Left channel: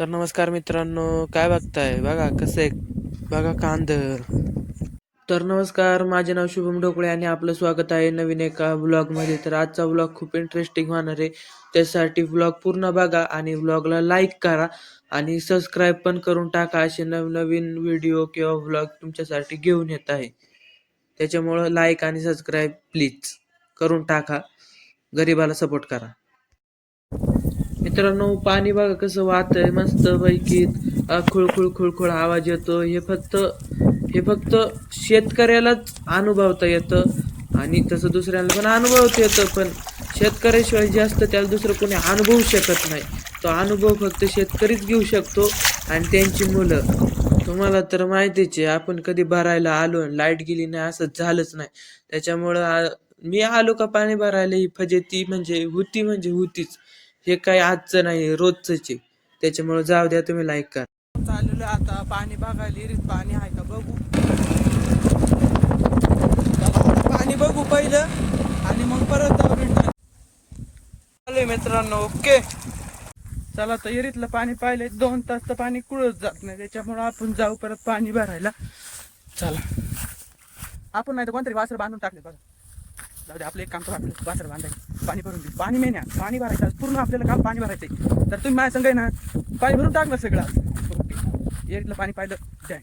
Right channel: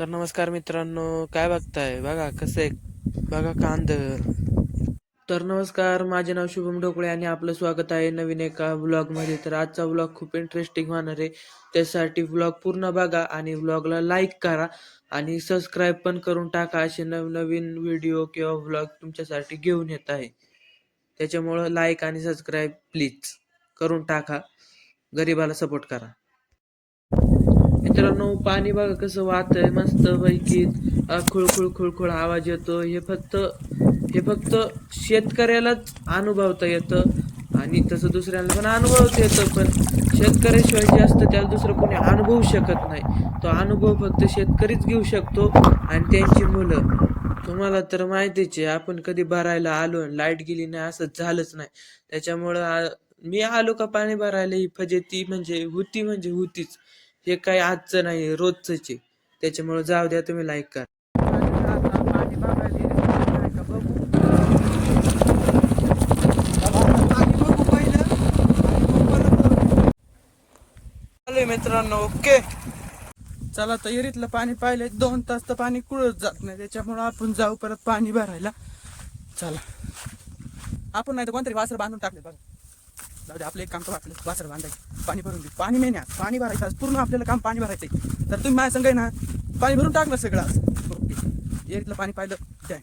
तर नमस्कार मित्रांनो काय बघताय? बघा कसं आहे? बघा कांद. तर नमस्कार माझे नाव शुभम ढोकळे आणि आपलं स्वागत आहे नवीन एका ब्लॉगमध्ये तर आजचा ब्लॉग खूप इंटरेस्टिंग होणार आहे. त्यासाठी ब्लॉग पूर्ण बघा आणि ब्लॉगला लाईक करा आणि सबस्क्राईब पण करून टाका असे नवनवीन व्हिडिओ किंवा ब्लॉग तुमच्यासाठी घेऊन येत आहे. त्याच्यामुळं लाईक आणि सबस्क्राईब प्लीज करून टाका. गरिबाला सपोर्ट करा. मित्रांनो पाणी बघा कसं वाहत आहे मस्त पैकी खुळखुळ खुळखुळ आवाज येतो. हे फक्त हे फक्त शेतकऱ्यालाच अनुभवता येतं आणि तसं दुसऱ्याला पण अनुभवता येतं पण शेतकऱ्याशिवाय जास्त त्याला दुसरं कोणी अनुभवू शकत नाही. तो अनुभव फक्त शेतकरीच घेऊ शकतो आणि त्यांची मुलं. तुम्हाला तर माहितीच आहे आपण कधी भरायला आलो लाइट गेली नाही असं झालंच नाही. त्याच्यामुळं मी आलो का पाणी भरायला ही फजेती म्हणजे होती म्हणजे होतीच. हे काय आजचं नाही रोजच आहे. त्याच्यामुळे जाऊ द्या तुम्ही लाईक करा. आता पाणी बघायला पाणी आहे का बघू पाणी बघू पहिलं आणि मग परत मित्रांनो ओके. चला तर एरीतलं पाणी पाहिले दोन तास तर पाणी कुळत जात नाही त्याच्यामुळे आपण जाऊ परत पाणी भरायला. चला. आपण नाही तर कोणतरी वासर बांधून टाकले बघा. जाऊ दे आपलं एक काम करू. आपलं वासर बांधायचं. पाणी भरून देऊ पाणी नाही ना. पाणी भरायचं आज. पूर्ण आपल्याला काम पाणी भरायचं आहे तर तुम्ही माझ्या संग ना पाणी भरून टाकलं सगळं आज. ओके. पाणी पाहिलं द्या.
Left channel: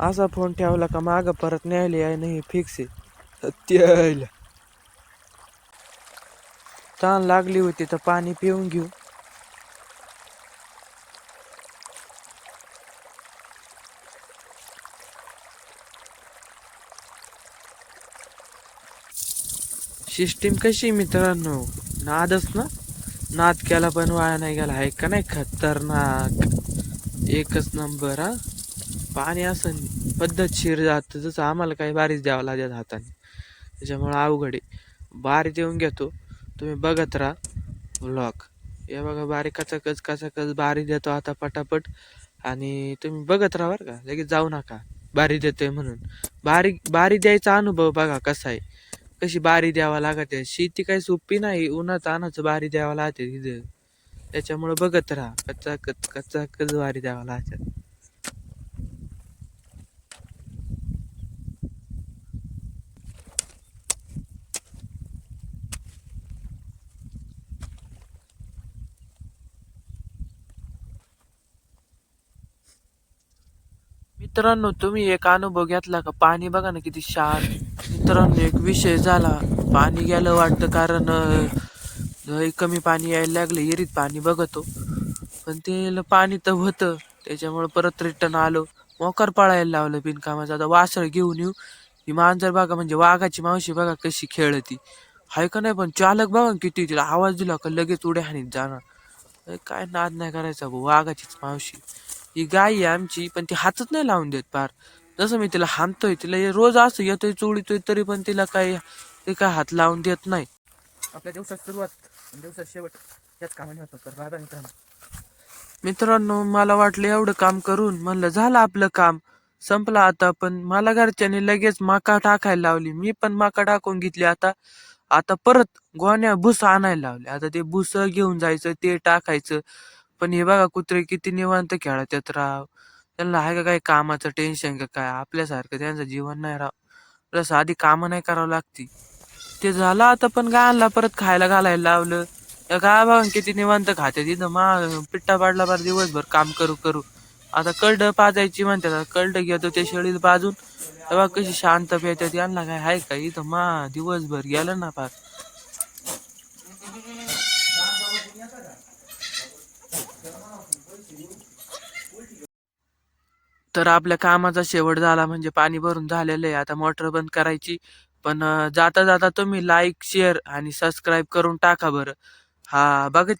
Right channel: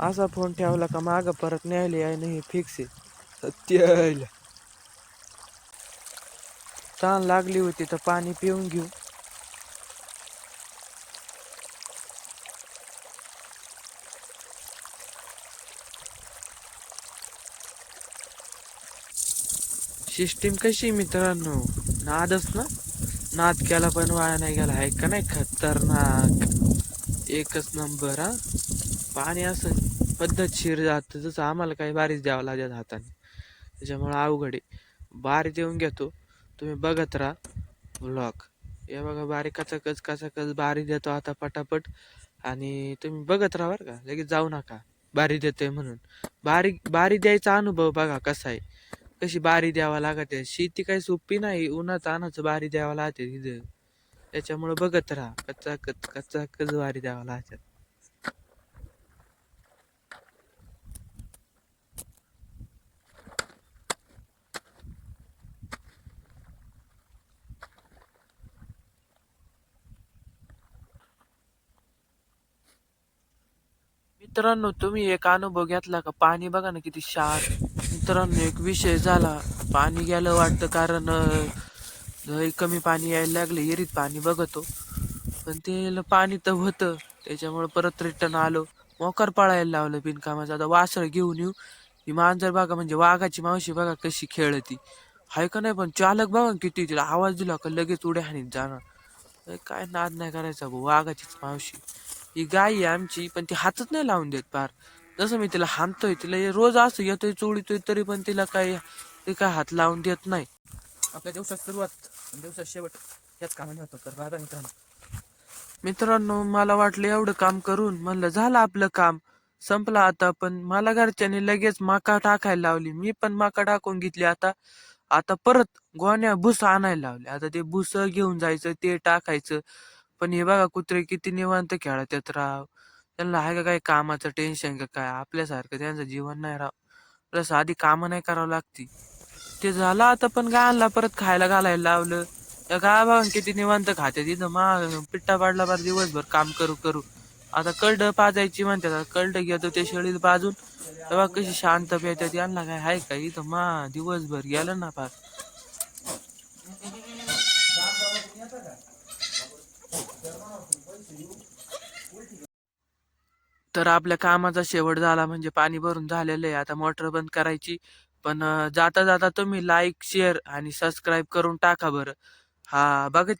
असा फोन ठेवला का माग परत न्यायला आहे नाही फिक्स आहे. त्याला. ताण लागली होती तर पाणी पिऊन घेऊ. सिस्टीम कशी मित्रांनो? नादच ना? नाद केला पण वाया नाही गेला. आहे का नाही? खतरनाक. एकच नंबर हा? पाणी असं पद्धतशीर जातं. जसं आम्हाला काही बारीच द्यावं लागेल हाताने. त्याच्यामुळं अवघड आहे. बारी देऊन घेतो. तुम्ही बघत राहा. ब्लॉक हे बघा बारी कचाकच कचाकच बारी देतो आता पटापट. आणि तुम्ही बघत राहा बरं का. लगेच जाऊ नका. बारी देतोय म्हणून. बारी बारी द्यायचा अनुभव बघा कसा आहे. कशी बारी द्यावा लागत. आहे शेती काही सोपी नाही उन्हात आणाचं बारी द्यावा लागते तिथे. त्याच्यामुळं बघत राहा कच्चा कच्चा कचाकच बारी द्यावा लागते. मित्रांनो तुम्ही एक अनुभव घेतला का? पाणी बघा ना किती शार. मित्रांनो एक विषय झाला. पाणी गेलं वाटतं कारण अं, कमी पाणी यायला लागलं विहिरीत पाणी बघतो. पण ते पाणी तर होतं. त्याच्यामुळे परत रिटर्न आलो. मोकर पळायला लावलं बिनकामाचं. आता वासळ घेऊन येऊ. ही मांजर बघा म्हणजे वाघाची मावशी बघा कशी खेळती. हाय का नाही पण चालक बघा ना किती तिला आवाज दिला का लगेच उड्या हाणीत जाणार. अरे काय नाद नाही करायचा भाऊ वाघाचीच मावशी. ही गाय आहे आमची पण ती हातच नाही लावून देत पार. जसं मी तिला हाणतोय तिला हे रोज असं येतोय चोळीतोय तरी पण तिला काय ते काय हात लावून देत नाही. आपल्या दिवसात सुरुवात आणि दिवसात शेवट याच कामाने होतो तर राधा मित्रांनो. मित्रांनो मला वाटलं एवढं काम करून म्हणलं झालं आपलं काम. संपलं आता पण मला घरच्यांनी लगेच मका टाकायला लावली. मी पण मका टाकून घेतली आता. आता परत गोण्या भुस आणायला लावले आता ते भुस घेऊन जायचं ते टाकायचं. पण हे बघा कुत्रे किती निवांत खेळत येत राव. त्यांना आहे का काही कामाचं टेन्शन का काय? आपल्यासारखं त्यांचं जीवन नाही राव. जसं आधी कामं नाही करावं लागती. ते झालं आता पण गायला परत खायला घालायला लावलं. त्या गाय बघा किती निवांत खाते तिथं मा पिट्टा पाडला बार दिवसभर काम करू करू. आता कळड पाजायची म्हणतात. कळड घेतो ते शेळीत बाजून तेव्हा कशी शांत पेतात यांना काय आहे का? इथं मा दिवसभर गेलं ना फार तर आपल्या कामाचा शेवट झाला म्हणजे पाणी भरून झालेलं आहे. आता मोटर बंद करायची. पण जाता जाता तुम्ही लाईक शेअर आणि सबस्क्राईब करून टाका बरं. हा बघितलं?